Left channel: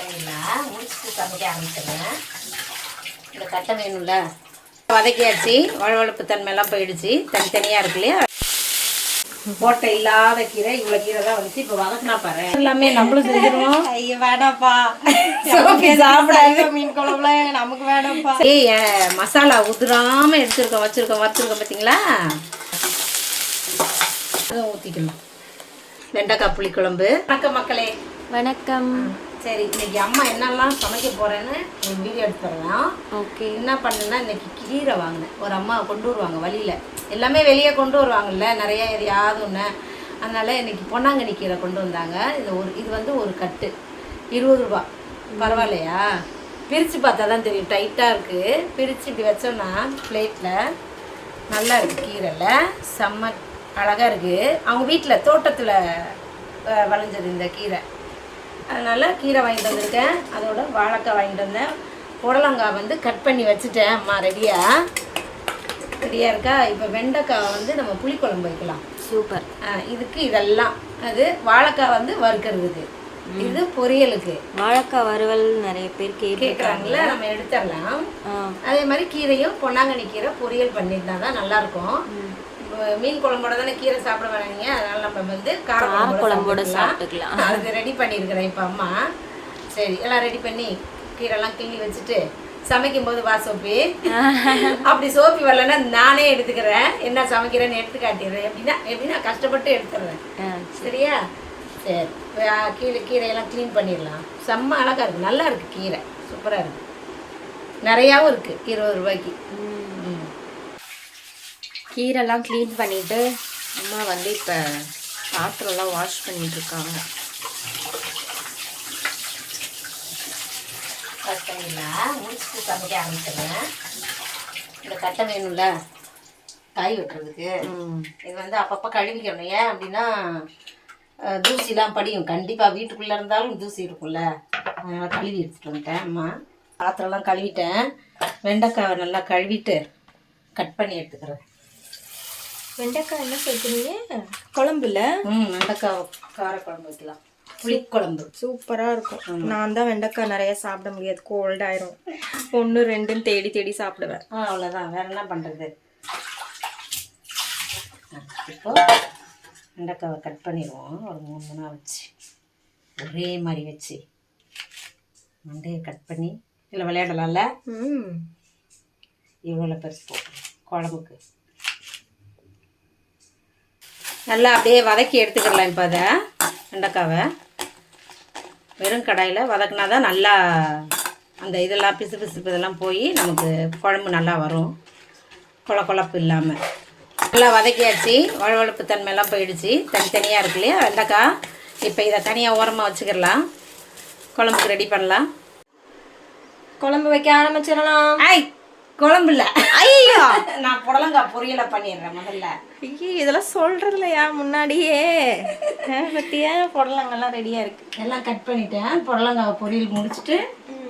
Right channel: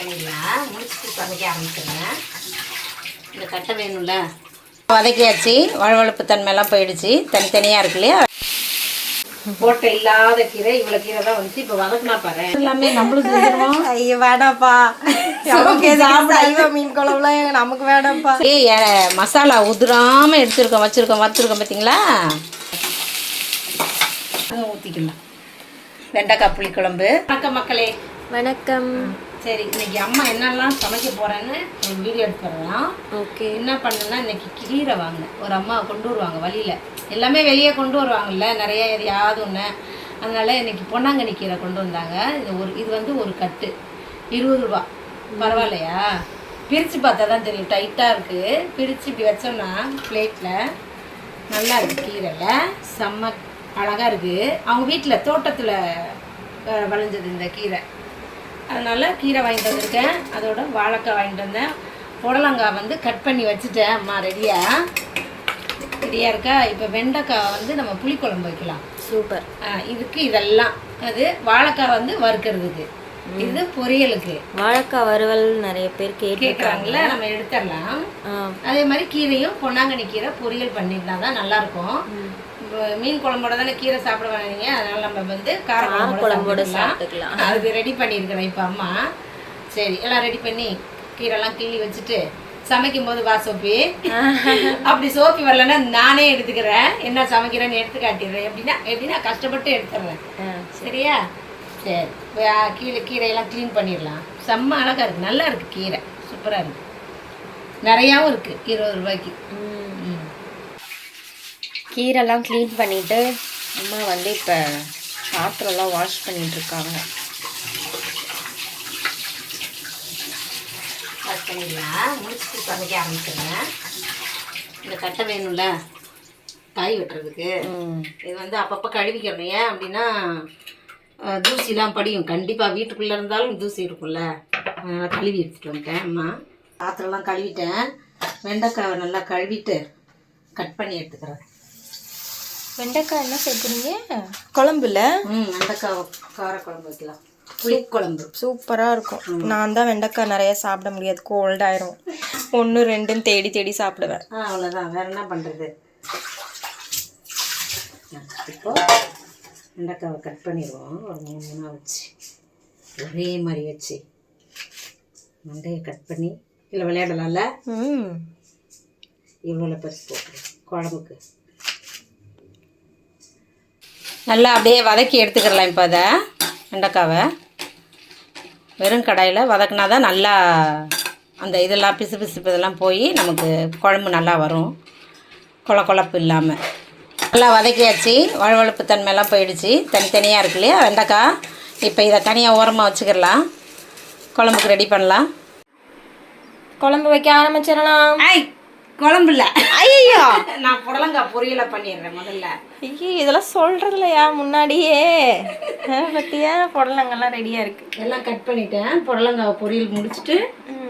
பண்ணிடலாம். முடிச்சுட்டு சமைக்க ஆரம்பிச்சிடுறேன் இந்த கட்டை வேணும்ல? வதக்கியாச்சு. வழவழப்பு தன்மையெல்லாம் போயிடுச்சு. தனித்தனியாக இருக்கு இல்லையா? ஓட்டை இல்லாத கீரை இவ்வளோ கீரை தான் வந்துச்சு. இப்போ வதக்குனா பாரு. எல்லாமே நம்மளும் செஞ்சிருவோம். ஐயோ வேணாப்பா நமக்கு சாப்பிட மீன் குழம்புல நமக்கு வேணாப்பா ஏய் ஏ- மசாலா உதிராம எடுத்துருக்கோம் வச்சிருக்கோம் வறுத்துருக்கோம் பார்த்தீங்களா இதை ஊற்றிக்கலாம் வெண்டைக்காய் புளிக்குழம்பு. வணக்கம் மக்களே. வணக்கம். சரி இன்னைக்கு அம்மா என்னெல்லாம் சமைக்க போறேன்னு ஒரு வீடியோ எடுத்துறலாம் ஓகே. என்ன பண்ணுன்னா இன்னைக்கு கீரை வாங்கினேன். ஒரு அம்மா கொண்டு வருவாங்க வழியில. எல்லாமே வெளியே கொண்டு வருவாங்கல்ல நிறைய எதையாவது ஒன்று அதனால இன்னைக்கு பொன்னாங்கண்ணி கீரை கொண்டு வந்தாங்க. இது ஒரு இது வந்து ஒரு கட்டு. இருபது ரூபா. பரவாயில்லையா? பிரித்து பார்த்தா தான் தெரியும். டைட்டாக இருக்குது பிரித்து இப்படி வச்சோம்னா பிளேட்டில் நல்லா இருக்கு கீரையில். செம்ம அழகாக இருக்குது அவங்க வீட்டில் தோட்டத்தில் விளைஞ்சது இந்த கீரை. அதனால் கீரை வாங்கிட்டு வந்திருக்கேன். அதோட வாழைக்காய் வாங்கிட்டு வந்தேன். புடலங்காய் வந்து கட் பண்ணி வச்சுட்டேன். அம்மா ரெடியாக ரெடியாக இருக்கா? இப்போ வெண்டைக்காய் வந்து நம்ம புளிக்குழம்பு வைக்கலாம். சூப்பர். இதுக்கு இதெல்லாம். அது வாழைக்காய் வந்து வறுக்கிறதுக்கு. இது பொரியலுக்கு. வாழைக்காய் வறுவல் நிறைய பேர் கேட்டிருக்காங்க. கேட்குறாங்களா நம்ம எடுத்துடலாம். அதே மாதிரி கீரையும் பொன்னாங்கண்ணி கீரை பொரியல் பண்ணிக்கிட்டா தான் நல்லாயிருக்கும் மீன் குழம்போட தானே கீரை சாப்பிட வேணாங்க அதனால நம்ம வந்து கார குழம்போட சாப்பிட்டுக்கலாம். அது ரெடி பண்ணியிருக்கிறேன் இப்போ அம்மா. சரி எல்லாம் ரெடி பண்ணி கீரைலாம் கிள்ளி வச்சுட்டு சமைக்கும் போது வா சோப்பி அப்படி சோப்பி வரலன்னா நானே எடுத்துக்கிறேன். என்ன சமைக்கிறேன்னு எடுத்து காட்டிடுறேன். எப்படின்னா எப்படின்னா கஷ்டப்பட்டு எடுத்துடுறேன். சரியா? சரி. கீரை கீரையெல்லாம் க்ளீன் பண்ணிடலாம். செம்ம அழகா இருக்கு. நல்லா இருக்கு கீரை. சூப்பராக இருக்கு. நிறையாவும் இருக்கு. இருபது ரூபாய்க்கு. ம். கீரைலாம் க்ளீன் பண்ணிட்டு அம்மா வந்து இப்போ பாத்திரம்லாம் வாஷ் பண்ணிட்டு இருக்காங்க கட் பண்ணிடலாம். முடிச்சுட்டு சமைக்க ஆரம்பிச்சிடுறேன் இந்த கட்டை வேணும்ல? காய் வெட்டுறதுக்கு. இது வந்து அப்பப்போ கழுவிக்கணும். ஏன் அப்படின்னா தூசிலாம் படியும். கண்டிப்பாக வீட்டுக்குள்ளே இருந்தாலும் தூசி இருக்கும்ல. அதனால் கழுவி எடுத்துகிட்டு வந்துட்டேன் அம்மா. பாத்திரம்லாம் கழுவிட்டேன். வெண்டைக்காவை நல்லா கழுவிட்டு கட் பண்ணி எடுத்துக்கிறேன். வெண்டைக்காய் என்ன சேர்க்குறீங்க? குழம்புல? ம் வெண்டைக்காய் காரக்குழம்பு வைக்கலாம். புளிக்குழம்பு சூப்பராக இருக்கும். நான் தான் வெண்டைக்காய் நிறைய சாப்பிட முடியாது. கோல்ட் ஆயிரும். ஒன்று ரெண்டுன்னு தேடி தேடி சாப்பிடுவேன். ஆ அவ்வளோதான் வேறு என்ன பண்ணுறது இப்போ வெண்டைக்காவை கட் பண்ணிடுவோம். ஒரு மூணு மூணாக வச்சு. ஒரே மாதிரி வச்சு. மண்டையை கட் பண்ணி. இல்லை விளையாடலாம்ல? ம். இவ்வளோ பெருசு போட்டு குழம்புக்கு. நல்லா அப்படியே வதக்கி எடுத்துக்கிடலாம் இப்போ அதை வெண்டைக்காவை. வெறும் கடாயில் வதக்குனா தான் நல்லா அந்த இதெல்லாம் பிசு பிசுப்பு இதெல்லாம் போய் நமக்கு குழம்பு நல்லா வரும். கொல கொழப்பு இல்லாமல் நல்லா வதக்கியாச்சு. வழவழப்பு தன்மையெல்லாம் போயிடுச்சு. தனித்தனியாக இருக்கு இல்லையா? வெண்டைக்காய். இப்போ இதை தனியாக ஓரமாக வச்சுக்கிடலாம் குழம்புக்கு ரெடி பண்ணலாம். குழம்பு வைக்க ஆரம்பிச்சிடலாம். குழம்பு இல்லை ஐயோ நான் புடலங்காய் பொரியலை பண்ணிடுறேன் முதல்ல. ஐயோ இதெல்லாம் சொல்றதுலையா முன்னாடியே. அஹ், பத்தியா? புடலங்கெல்லாம் ரெடியா இருக்கு. எல்லாம் கட் பண்ணிட்டேன். புடலங்காய் பொரியல் முடிச்சுட்டு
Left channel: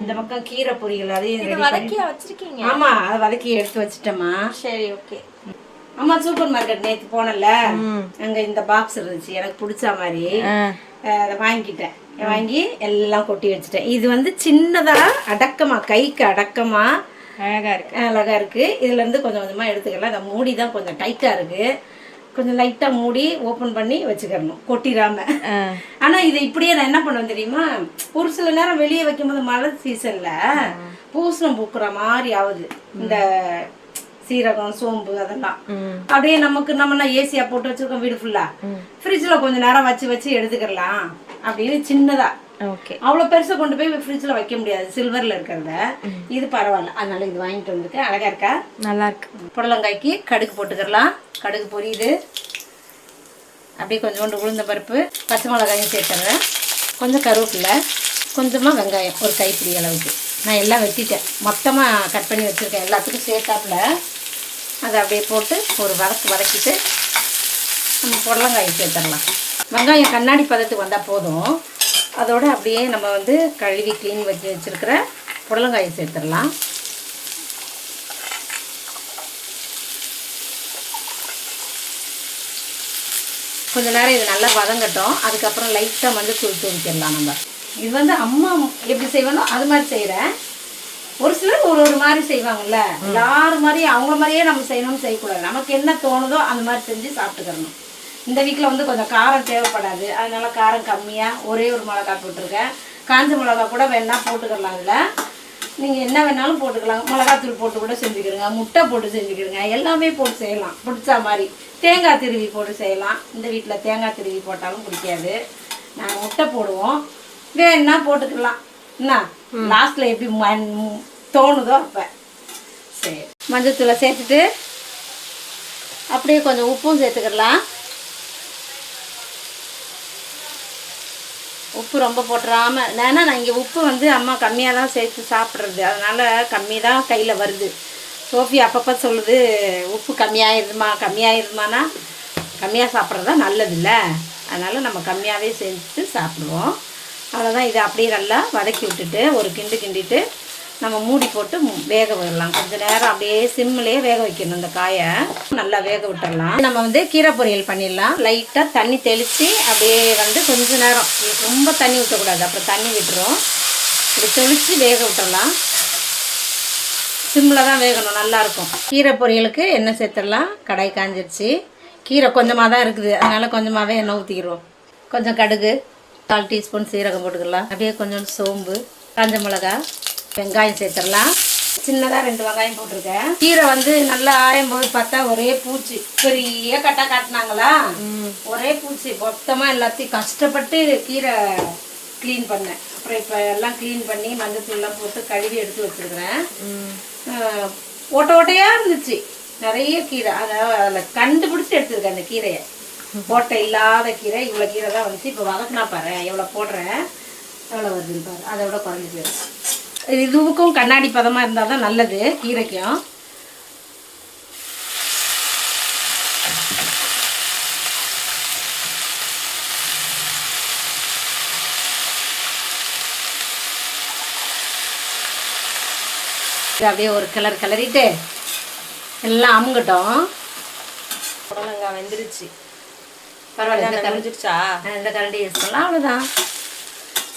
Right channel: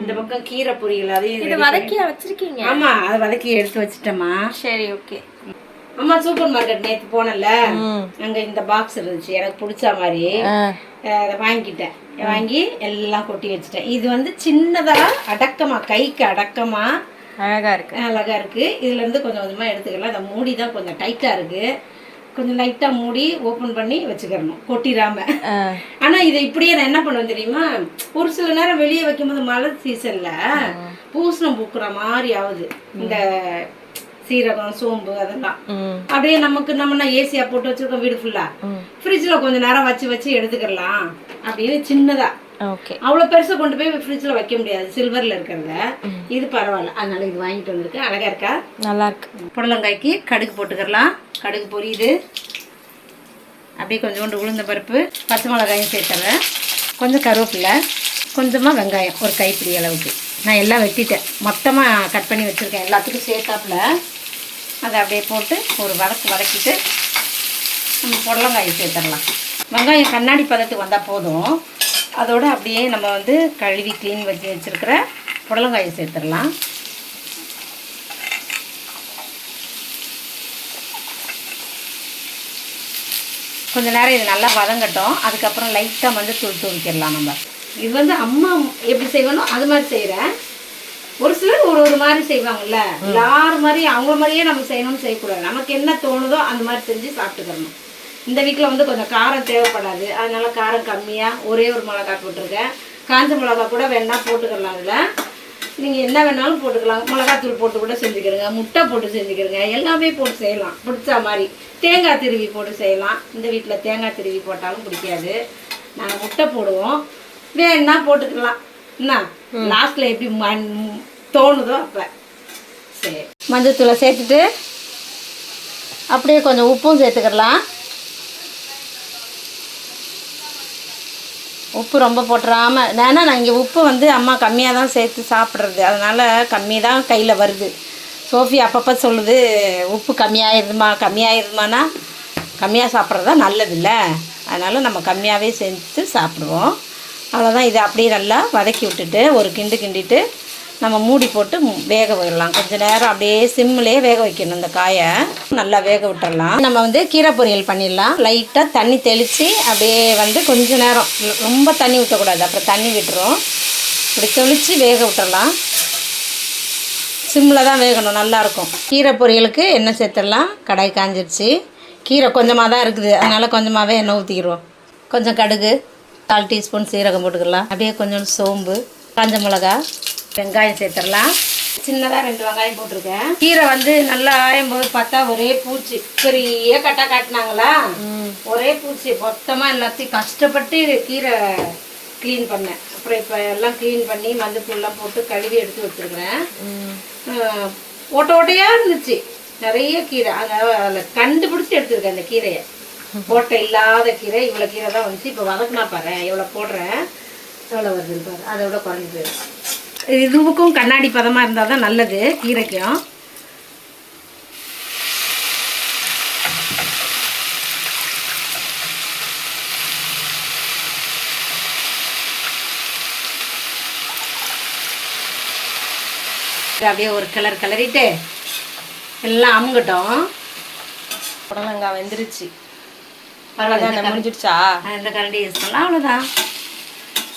இந்த பக்கம் கீரை பொரியல் அதையும் வதக்கியா வச்சிருக்கீங்க? ஆமா அதை வதக்கி எடுத்து வச்சுட்டேம்மா. சரி ஓகே. அம்மா சூப்பர் மார்க்கெட் நேற்று போனல. அங்க இந்த பாக்ஸ் இருந்துச்சு. எனக்கு பிடிச்ச மாதிரி. அதை வாங்கிட்டேன் வாங்கி எல்லாம் கொட்டி வச்சுட்டேன். இது வந்து சின்னதா அடக்கமா கைக்கு அடக்கமா அழகா இருக்கு. அழகா இருக்கு. இதுல இருந்து கொஞ்சம் கொஞ்சமா எடுத்துக்கலாம். அந்த மூடி தான் கொஞ்சம் டைட்டா இருக்கு. கொஞ்சம் லைட்டா மூடி ஓபன் பண்ணி வச்சுக்கிறணும் கொட்டிடாம. அஹ், ஆனா இதை இப்படியே நான் என்ன பண்ணுவேன் தெரியுமா? ஒரு சில நேரம் வெளியே வைக்கும்போது மழை சீசன்ல பூசணம் பூக்குற மாதிரி ஆகுது. இந்த சீரகம் சோம்பு அதெல்லாம். அப்படியே நமக்கு நம்ம ஏசியா போட்டு வச்சிருக்கோம் வீடு ஃபுல்லா ஃப்ரிட்ஜில் கொஞ்ச நேரம் வச்சு வச்சு எடுத்துக்கலாம். அப்படின்னு சின்னதா. ஓகே அவ்வளோ பெருசா கொண்டு போய் ஃப்ரிட்ஜில் வைக்க முடியாது. சில்வர்ல இருக்கிறத. இது பரவாயில்ல. அதனால இது வாங்கிட்டு வந்திருக்கேன் அழகா இருக்கா? நல்லா இருக்கு. புடலங்காய்க்கு கடுகு போட்டுக்கலாம் கடுகு பொரியுது. அப்படியே கொஞ்சோண்டு உளுந்த பருப்பு பச்சை மிளகாயும் சேர்த்துறேன். கொஞ்சம் கருவேப்பிலை கொஞ்சமாக வெங்காயம் ஒரு கைப்பிடி அளவுக்கு. நான் எல்லாம் வெட்டிட்டேன். மொத்தமாக கட் பண்ணி வச்சுருக்கேன். எல்லாத்துக்கும் சேர்த்தாப்புல. அதை அப்படியே போட்டு ஒரு வதக்கு வதக்கிட்டு நம்ம புடலங்காயை சேர்த்துடலாம். வெங்காயம் கண்ணாடி பதத்துக்கு வந்தால் போதும். அதோட அப்படியே நம்ம வந்து கழுவி க்ளீன் வச்சு வச்சுருக்கிற புடலங்காயை சேர்த்துடலாம். கொஞ்ச நேரம் இது நல்லா வதங்கட்டும். அதுக்கப்புறம் லைட்டாக வந்து தூள் தூவிக்கிடலாம் நம்ம. இது வந்து அம்மா எப்படி செய்வனோ அது மாதிரி செய்கிறேன் ஒரு சிலர் ஒரு ஒரு மாதிரி செய்வாங்கல்ல. எல்லாரும் மாதிரி அவங்க மாதிரியே நம்ம செய்யணும்னு செய்யக்கூடாது. நமக்கு என்ன தோணுதோ அந்த மாதிரி செஞ்சு சாப்பிட்டுக்கிறணும். இந்த வீட்டில் வந்து கொஞ்சம் காரம் தேவைப்படாது. அதனால காரம் கம்மியாக ஒரே ஒரு மிளகா போட்டிருக்கேன். காஞ்ச மிளகா கூட வேணா போட்டுக்கலாம் அதில். நீங்கள் என்ன வேணாலும் போட்டுக்கலாம். மிளகாத்தூள் போட்டு கூட செஞ்சுக்கிறங்க. முட்டை போட்டு செஞ்சுக்கிறங்க. எல்லாமே போட்டு செய்யலாம். பிடிச்ச மாதிரி. தேங்காய் திருவி போட்டு செய்யலாம். இந்த வீட்டில் தேங்காய் திருவி போட்டாலும் பிடிக்காது. நாங்கள் முட்டை போடுவோம். வேணா போட்டுக்கலாம். என்ன? லாஸ்ட்டில் எப்படி மண்- தோணுதோ அப்போ. சரி. மஞ்சத்தூளை சேர்த்துட்டு அப்படியே கொஞ்சம் உப்பும் சேர்த்துக்கிடலாம். உப்பு ரொம்ப போட்டுறாம ஏன்னா நான் இங்கே உப்பு வந்து அம்மா கம்மியாக தான் சேர்த்து சாப்பிட்றது. அதனால் கம்மி தான் கையில் வருது. சோஃபி அப்பப்போ சொல்லுது உப்பு கம்மியாயிருதுமா கம்மியாயிருதுமானா கம்மியாக சாப்பிட்றது தான் நல்லதில்ல. அதனால் நம்ம கம்மியாகவே செஞ்சு சாப்பிடுவோம். அவ்வளோதான் இதை அப்படியே நல்லா வதக்கி விட்டுட்டு ஒரு கிண்டு கிண்டிட்டு நம்ம மூடி போட்டு வேக விடலாம். கொஞ்ச நேரம் அப்படியே சிம்மிலே வேக வைக்கணும் இந்த காயை. நல்லா வேக விட்டுறலாம். நம்ம வந்து கீரை பொரியல் பண்ணிடலாம். லைட்டாக தண்ணி தெளித்து அப்படியே வந்து கொஞ்ச நேரம். ரொம்ப தண்ணி ஊற்றக்கூடாது அப்புறம் தண்ணி விட்டுரும். இப்படி தெளித்து வேக விட்டுறலாம். சிம்மில் தான் வேகணும். நல்லாயிருக்கும் கீரை பொரியலுக்கு எண்ணெய் சேர்த்துடலாம். கடாய் காஞ்சிருச்சு. கீரை கொஞ்சமாக தான் இருக்குது. அதனால் கொஞ்சமாகவே எண்ணெய் ஊற்றிக்கிடுவோம் கொஞ்சம் கடுகு கால் டீஸ்பூன் சீரகம் போட்டுக்கலாம். அப்படியே கொஞ்சம் சோம்பு காஞ்ச மிளகா வெங்காயம் சேர்த்துடலாம். சின்னதாக ரெண்டு வெங்காயம் போட்டிருக்கேன். கீரை வந்து நல்லா ஆயும் போது பார்த்தா ஒரே பூச்சி. பெரிய கட்டா காட்டினாங்களா? ஒரே பூச்சி. மொத்தமாக எல்லாத்தையும் கஷ்டப்பட்டு கீரை க்ளீன் பண்ணேன். அப்புறம் இப்போ எல்லாம் க்ளீன் பண்ணி மஞ்சத்தூள்லாம் போட்டு கழுவி எடுத்து வச்சிருக்கிறேன். ஓட்டை ஓட்டையாக இருந்துச்சு. நிறைய கீரை. அதை அதில் கண்டுபிடிச்சி எடுத்துருக்கேன் அந்த கீரையை. ஓட்டை இல்லாத கீரை. இவ்வளோ கீரை தான் வந்துச்சு. இப்போ வதக்குனா பாரு எவ்வளோ போடுறேன். எவ்வளோ வருதுன்னு பாரு. அதை விட குறைஞ்சி போயிடும். இதுவுக்கும் கண்ணாடி பதமாக இருந்தால் தான் நல்லது கீரைக்கும். அப்படியே ஒரு கலர் கிளறிட்டு எல்லாம் அமுங்கட்டும். புடலங்காய் வெந்துருச்சு. பரவாயில்ல ஆ, இந்த கரண்டி யூஸ் பண்ணலாம் அவ்வளோதான்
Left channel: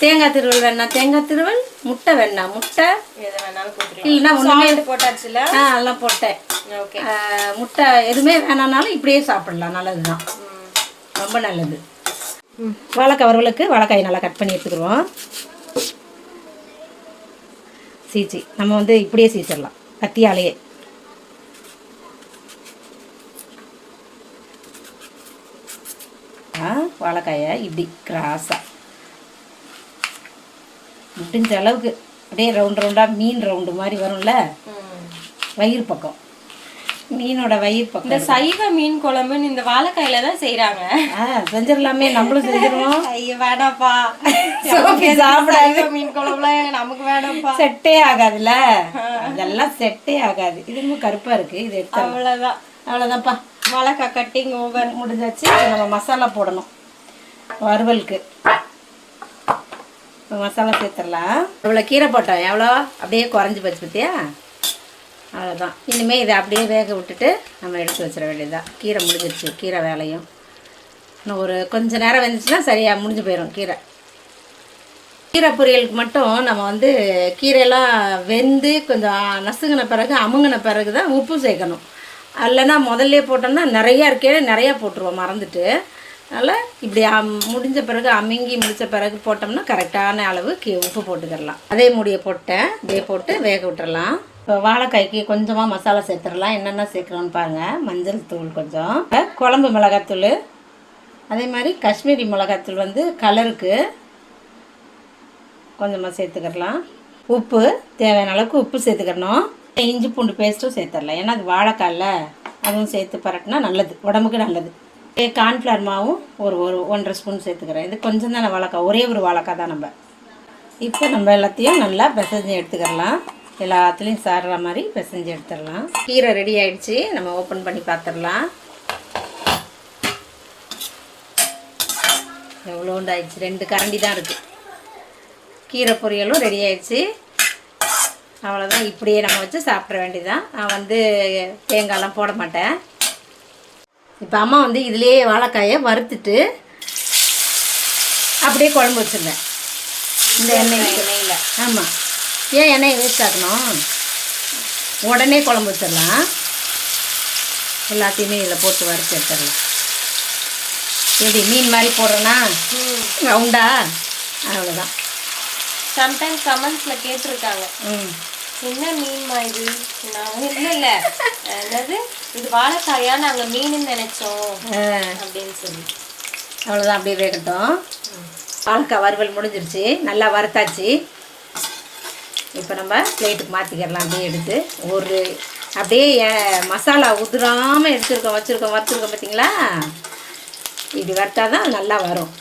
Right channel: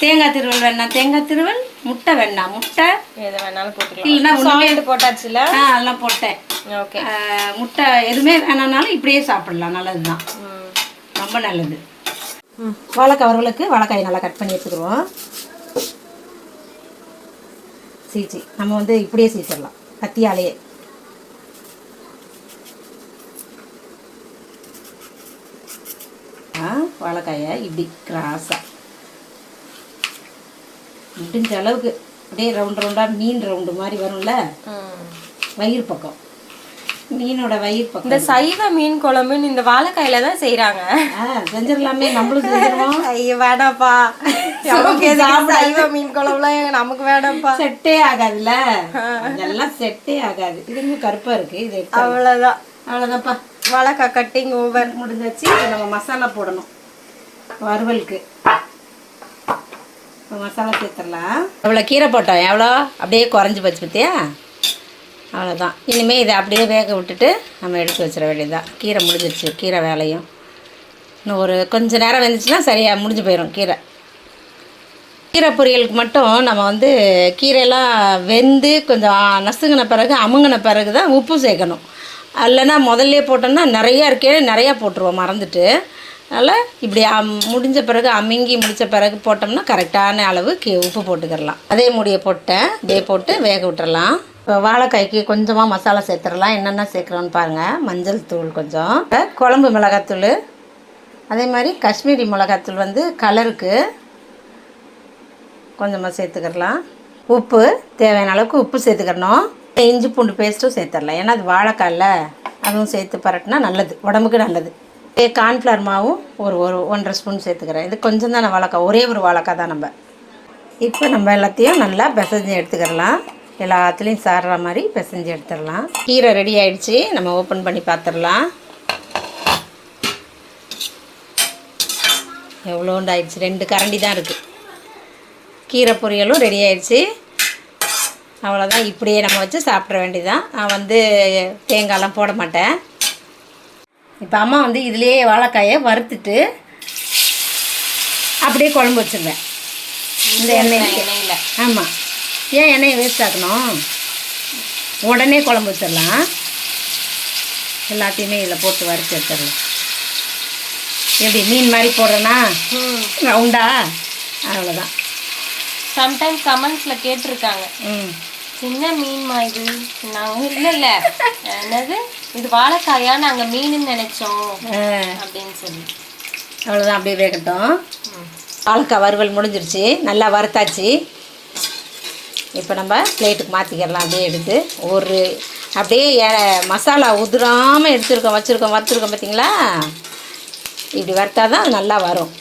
தேங்காய் திருவல் வேணா. தேங்காய் திருவல் முட்டை வேணா. முட்டை எதை வேணாலும் போட்டுக்கலாம். இல்லைன்னா ஒன்றுமே போட்டாச்சுல? ஆ அதெல்லாம் போட்டேன். ஓகே. முட்டை எதுவுமே வேணாம்னாலும் இப்படியே சாப்பிடலாம். நல்லது தான் ரொம்ப நல்லது. வாழைக்காய் வறுவலுக்கு வாழைக்காய் நல்லா கட் பண்ணி எடுத்துக்கிடுவோம். சீச்சி. நம்ம வந்து இப்படியே சீச்சிடலாம். கத்தியாலேயே. ஆ வாழைக்காயை இப்படி கிராஸாக முடிஞ்ச அளவுக்கு அப்படியே ரவுண்ட் ரவுண்டாக மீன் ரவுண்டு மாதிரி வரும்ல? வயிறு பக்கம். மீனோட வயிறு பக்கம் இந்த சைவ மீன் குழம்புன்னு இந்த வாழைக்காயில தான் செய்யறாங்க செஞ்சிடலாமே நம்மளும் செஞ்சிருவோம். ஐயோ சாப்பிடாது. சைவ மீன் குழம்புலாம் நமக்கு வேடாப்பா செட்டே ஆகாதுல்ல? அதெல்லாம் செட்டே ஆகாது. இது இன்னும் கருப்பா இருக்கு. இது அவ்வளவுதான். அவ்வளோதான்ப்பா வாழைக்காய் கட்டிங் ஓவர் முடிஞ்சாச்சு. நம்ம மசாலா போடணும். வறுவலுக்கு. மசாலா சேர்த்துடலாம். எவ்வளோ கீரை போட்டோம். எவ்வளோ? அப்படியே குறைஞ்சி போச்சு பற்றியா அவ்வளோதான் இனிமேல் இதை அப்படியே வேக விட்டுட்டு நம்ம எடுத்து வச்சிட வேண்டியதுதான். கீரை முடிஞ்சிருச்சு. கீரை வேலையும். இன்னும் ஒரு கொஞ்சம் நேரம் வெந்துச்சுன்னா சரியாக முடிஞ்சு போயிடும் கீரை. கீரை பொரியலுக்கு மட்டும் நம்ம வந்து கீரையெல்லாம் வெந்து கொஞ்சம் நசுங்கின பிறகு அமுங்கின பிறகு தான் உப்பு சேர்க்கணும். இல்லைன்னா முதல்ல போட்டோம்னா நிறையா இருக்கே நிறையா போட்டுருவோம் மறந்துட்டு. அதனால் இப்படி அம்- முடிஞ்ச பிறகு அமுங்கி முடித்த பிறகு போட்டோம்னா கரெக்டான அளவு கீ உப்பு போட்டுக்கிடலாம் அதே மூடியை போட்டேன் இதே போட்டு வேக விட்டுறலாம். இப்போ வாழைக்காய்க்கு கொஞ்சமாக மசாலா சேர்த்துடலாம். என்னென்ன சேர்க்குறோன்னு பாருங்கள் மஞ்சள் தூள் கொஞ்சம். குழம்பு மிளகாத்தூள். அதே மாதிரி காஷ்மீரி மிளகாத்தூள் வந்து கலருக்கு கொஞ்சமாக சேர்த்துக்கிடலாம். உப்பு தேவையான அளவுக்கு உப்பு சேர்த்துக்கிறணும் இஞ்சி பூண்டு பேஸ்ட்டும் சேர்த்துடலாம். ஏன்னா அது வாழைக்காயில் அதுவும் சேர்த்து பரட்டினா நல்லது. உடம்புக்கு நல்லது. கார்ன்ஃப்ளவர் மாவும் ஒரு ஒரு ஒன்றரை ஸ்பூன் சேர்த்துக்கிறேன். இது கொஞ்சம் தானே வாழைக்காய்? ஒரே ஒரு வாழைக்காய் தான் நம்ம. இப்போ நம்ம எல்லாத்தையும் நல்லா பிசைஞ்சு எடுத்துக்கிடலாம் எல்லாத்துலேயும் சாடுற மாதிரி பிசைஞ்சு எடுத்துடலாம். கீரை ரெடி ஆகிடுச்சு நம்ம ஓப்பன் பண்ணி பார்த்துடலாம் எவ்வளோண்டு ஆயிடுச்சு? ரெண்டு கரண்டி தான் இருக்குது கீரை பொரியலும் ரெடி ஆயிடுச்சு. அவ்வளோதான் இப்படியே நம்ம வச்சு சாப்பிட்ற வேண்டியதான் நான் வந்து தேங்காயெலாம் போட மாட்டேன். இப்போ அம்மா வந்து இதுலேயே வாழைக்காயை வறுத்துட்டு அப்படியே குழம்பு வச்சிருவேன். இந்த எண்ணெய் எண்ணெயில். ஆமாம் ஏன் எண்ணெயை வேஸ்ட் ஆக்கணும்? உடனே குழம்பு வச்சிடலாம். எல்லாத்தையுமே இதில் போட்டு வறுத்து எடுத்துடலாம். எப்படி மீன் மாதிரி போடுறேன்னா ரவுண்டா? அவ்வளோதான் சம்டைம் கமெண்ட்ஸ்ல கேட்டிருக்காங்க. ம். சின்ன மீன்மா இது நான் இல்ல இல்ல. என்னது? இது வாழைக்காயா? நாங்க மீன் நினைச்சோம். அப்படின்னு சொல்லி. அவ்வளோதான் அப்படியே வேகட்டும். வாழைக்காய் வறுவல் முடிஞ்சிருச்சு. நல்லா வறுத்தாச்சு. இப்போ நம்ம பிளேட்டுக்கு மாற்றிக்கிடலாம் அப்படியே எடுத்து. ஒரு அப்படியே மசாலா உதிராமல் எடுத்துருக்கோம் வச்சுருக்கோம் வறுத்துருக்கோம் பார்த்தீங்களா? இப்படி வறுத்தா தான் நல்லா வரும்.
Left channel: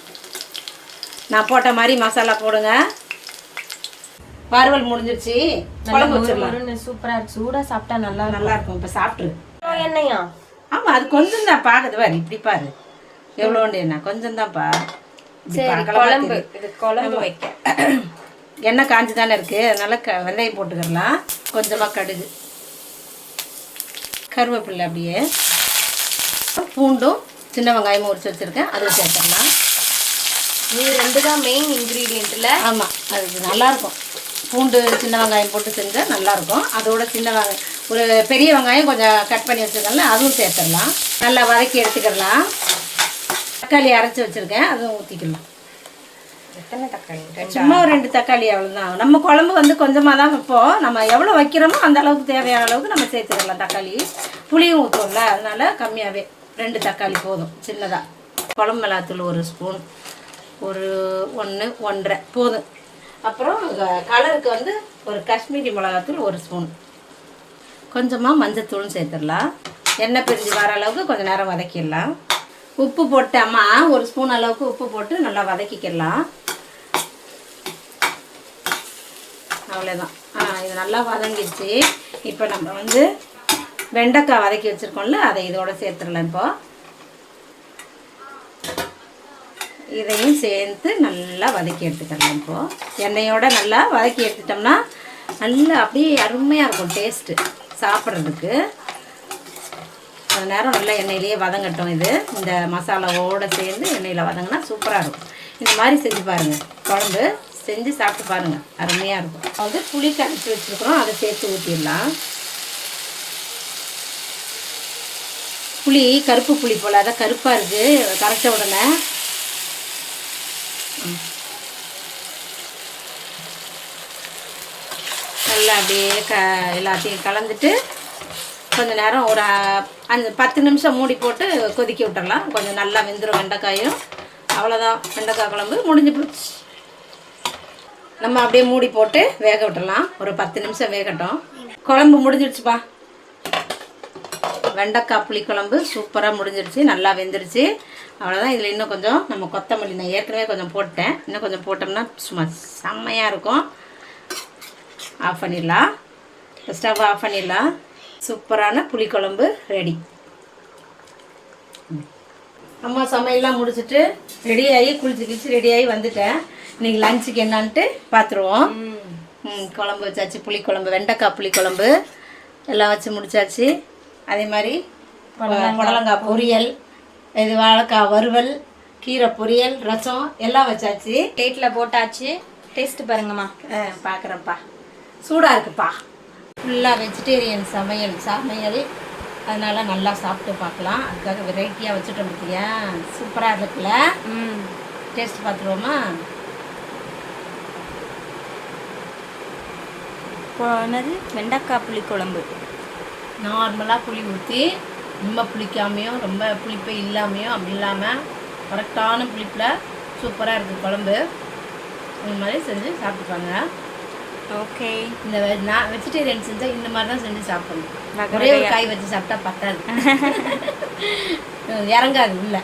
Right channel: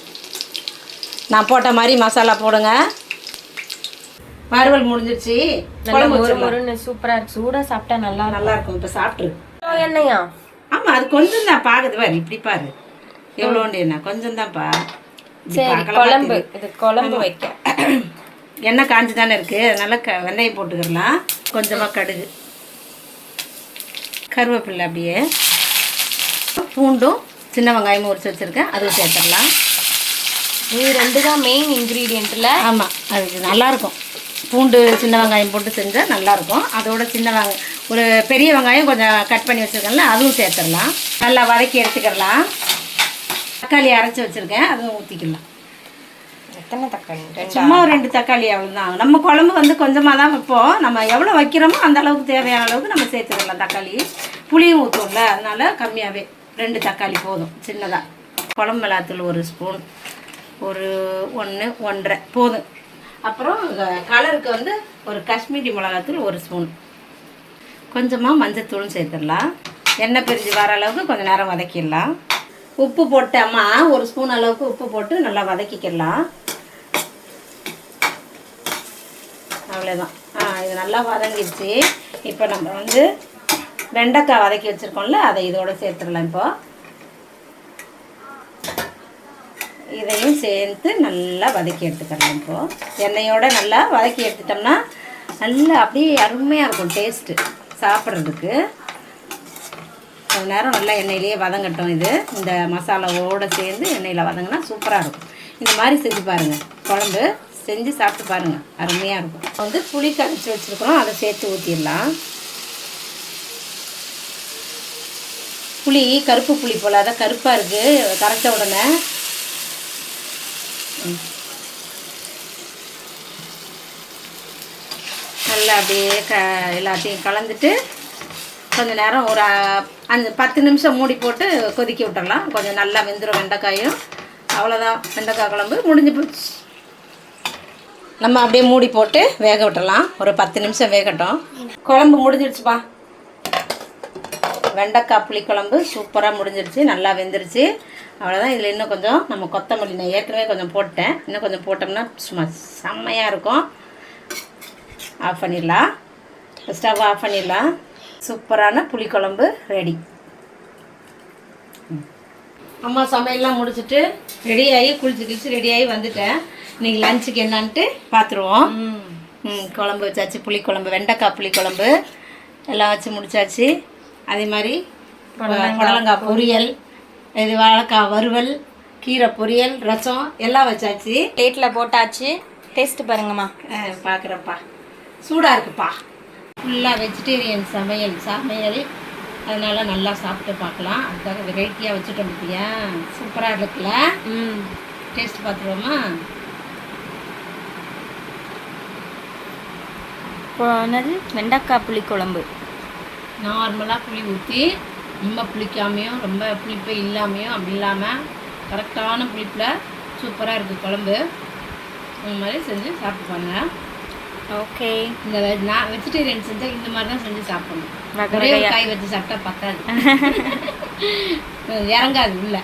நான் போட்ட மாதிரி மசாலா போடுங்க. வறுவல் முடிஞ்சிருச்சு. குழம்பு வச்சிடலாம். சூப்பரா இருக்கு. சூடா சாப்பிட்டா நல்லா நல்லா இருக்கும். இப்போ சாப்பிட்ரு என்னையா ஆமாம் அது கொஞ்சம் தான் பாக்குது பாரு இப்படி பாரு. எவ்வளோண்டு என்ன கொஞ்சம் தான்ப்பா. சரி குழம்பு. இது குழம்பு வைக்க. எண்ணெய் காஞ்சி தானே இருக்குது அதனால க வெந்தயம் போட்டுக்கிடலாம் கொஞ்சமாக கடுகு. கருவேப்பிலை அப்படியே. பூண்டும் சின்ன வெங்காயமும் உரிச்சு வச்சுருக்கேன். அதுவும் சேர்த்துடலாம் இது ரெண்டு தான் மெயின் இன்க்ரீடியன்ட்ல ஆமாம் அது நல்லாயிருக்கும் பூண்டு சின்ன வெங்காயம் போட்டு செஞ்சால் நல்லாயிருக்கும் அதோட சின்ன வெங்காயம் ஒரு பெரிய வெங்காயம் கொஞ்சம் கட் பண்ணி வச்சுருக்கேன்ல அதுவும் சேர்த்துடலாம். நல்லா வதக்கி எடுத்துக்கிடலாம். தக்காளி அரைச்சி வச்சுருக்கேன் அதுவும் ஊற்றிக்கலாம் எத்தனை தக்காளி? சும்மா ஒரு ரெண்டு தக்காளி அவ்வளோதான் நம்ம குழம்பு வந்து கொஞ்சமாக தான் வைப்போம். நம்ம எவ்வளோ வைக்கிறோமோ அந்த அளவுக்கு தேவையான அளவுக்கு நம்ம சேர்த்துக்கலாம் தக்காளி. புளியும் ஊற்றுவோம்ல அதனால கம்மியாகவே ரெண்டு தக்காளி போதும் சின்னதாக குழம்பு மிளகாத்தூள் ஒரு ஸ்பூன் ஒரு ஒன்று ஒன்றரை. போதும். அப்புறம் கலருக்கு வந்து ஒரு காஷ்மீரி மிளகாத்தூள் ஒரு ஸ்பூன். கொஞ்சமாக மஞ்சத்தூளும் சேர்த்துடலாம். எண்ணெய் பிரிஞ்சு வர அளவுக்கு கொஞ்சம் நேரம் வதக்கிடலாம். உப்பு போட்டு ஒரு ஸ்பூன் அளவுக்கு உப்பு போட்டு நல்லா வதக்கிக்கலாம். அவ்வளோதான் இது நல்லா வதங்கிடுச்சு. இப்போ நம்ம வந்து வெண்டைக்காய் வதக்கி வச்சுருக்கோம்ல அதை இதோடு சேர்த்துடலாம் இப்போ. இதையும் சேர்த்து நல்லா வதக்கி எடுத்துக்கலாம் இப்போது எண்ணெயோடு நல்லா வதக்கி எடுத்துட்டோம்னா நல்லா அப்படியே அருமையாக இருக்கும் டேஸ்ட்டு சாப்பிட்றதுக்கு. கொஞ்ச நேரம் நல்லா எண்ணெயிலேயே வதங்கட்டும் இது. இந்த மசாலாவோடு சேர்ந்து எண்ணெயில் வதங்கினா சூப்பராக இருக்கும். இந்த மாதிரி செஞ்சு பாருங்கள் குழம்பு செஞ்சு சாப்பிட்டு பாருங்கள் அருமையாக இருக்கும். வந்து புளி கரைச்சி வச்சுருக்குறோம். அதை சேர்த்து ஊற்றிடலாம் புளி கருப்பு புளி போல். அதான் கருப்பாக இருக்குது கரைச்ச உடனே. நல்லா அப்படியே க எல்லாத்தையும் கலந்துட்டு கொஞ்சம் நேரம் ஒரு அஞ்சு பத்து நிமிஷம் மூடி போட்டு கொதிக்க விட்டுடலாம் கொஞ்சம் நல்லா வெந்துடும் வெண்டைக்காயும். அவ்வளோதான் வெண்டைக்காய் குழம்பு முடிஞ்சு போச்சு. நம்ம அப்படியே மூடி போட்டு வேக விட்டுடலாம் ஒரு பத்து நிமிஷம் வேகட்டும். குழம்பு முடிஞ்சிடுச்சுப்பா. வெண்டைக்காய் புளிக்குழம்பு சூப்பராக முடிஞ்சிடுச்சு. நல்லா வெந்துருச்சு. அவ்வளோதான் இதில் இன்னும் கொஞ்சம் நம்ம கொத்தமல்லி நான் ஏற்கனவே கொஞ்சம் போட்டேன் இன்னும் கொஞ்சம் போட்டோம்னா சும்மா செம்மையாக இருக்கும். ஆஃப் பண்ணிடலாம் ஸ்டவ் ஆஃப் பண்ணிடலாம் சூப்பரான புளிக்குழம்பு ரெடி அம்மா சமையல்லாம் முடிச்சுட்டு ரெடி ஆகி குளிச்சு கிழிச்சு ரெடி ஆகி வந்துட்டேன். இன்னைக்கு லஞ்சுக்கு என்னன்ட்டு பார்த்துருவோம் ம். குழம்பு வச்சாச்சு புளிக்குழம்பு வெண்டைக்காய் புளிக்குழம்பு எல்லாம் வச்சு முடிச்சாச்சு. அதே மாதிரி புடலங்காய் பொரியல் இது வாழைக்காய் வறுவல் கீரை பொரியல் ரசம் எல்லாம் வச்சாச்சு. பிளேட்ல போட்டாச்சு. டேஸ்ட் பாருங்கம்மா. ஆ பார்க்குறேன்ப்பா சூடாக இருக்குப்பா. ஃபுல்லாக வெஜிடேரியன் சமையல் சமையல். அதனால நல்லா சாப்பிட்டு பார்க்கலாம். அதுக்காக வெரைட்டியாக வச்சுட்டோம் பார்த்தியா சூப்பராக இருக்குல்ல? ம். டேஸ்ட் பார்த்துருவோமா? இப்போ என்னது? வெண்டைக்காய் புளி குழம்பு நார்மலாக புளி ஊற்றி ரொம்ப புளிக்காமையும் ரொம்ப புளிப்பு இல்லாமையும் அப்படி இல்லாமல் கரெக்டான புளிப்பில் சூப்பராக இருக்குது குழம்பு. இந்த மாதிரி செஞ்சு சாப்பிட்டுப்பாங்க ஓகே. இந்த நான் வெஜிடேரியன் செஞ்சால் இந்த மாதிரி தான் செஞ்சு சாப்பிடணும். ஒரே ஒரு காய் வச்சு சாப்பிட்டா பத்தாது. இறங்காது உள்ள.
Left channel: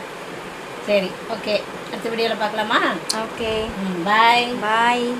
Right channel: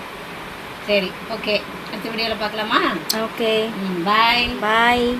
சரி ஓகே. அடுத்த வீடியோவில் பார்க்கலாமா? ஓகே. பாய் பாய்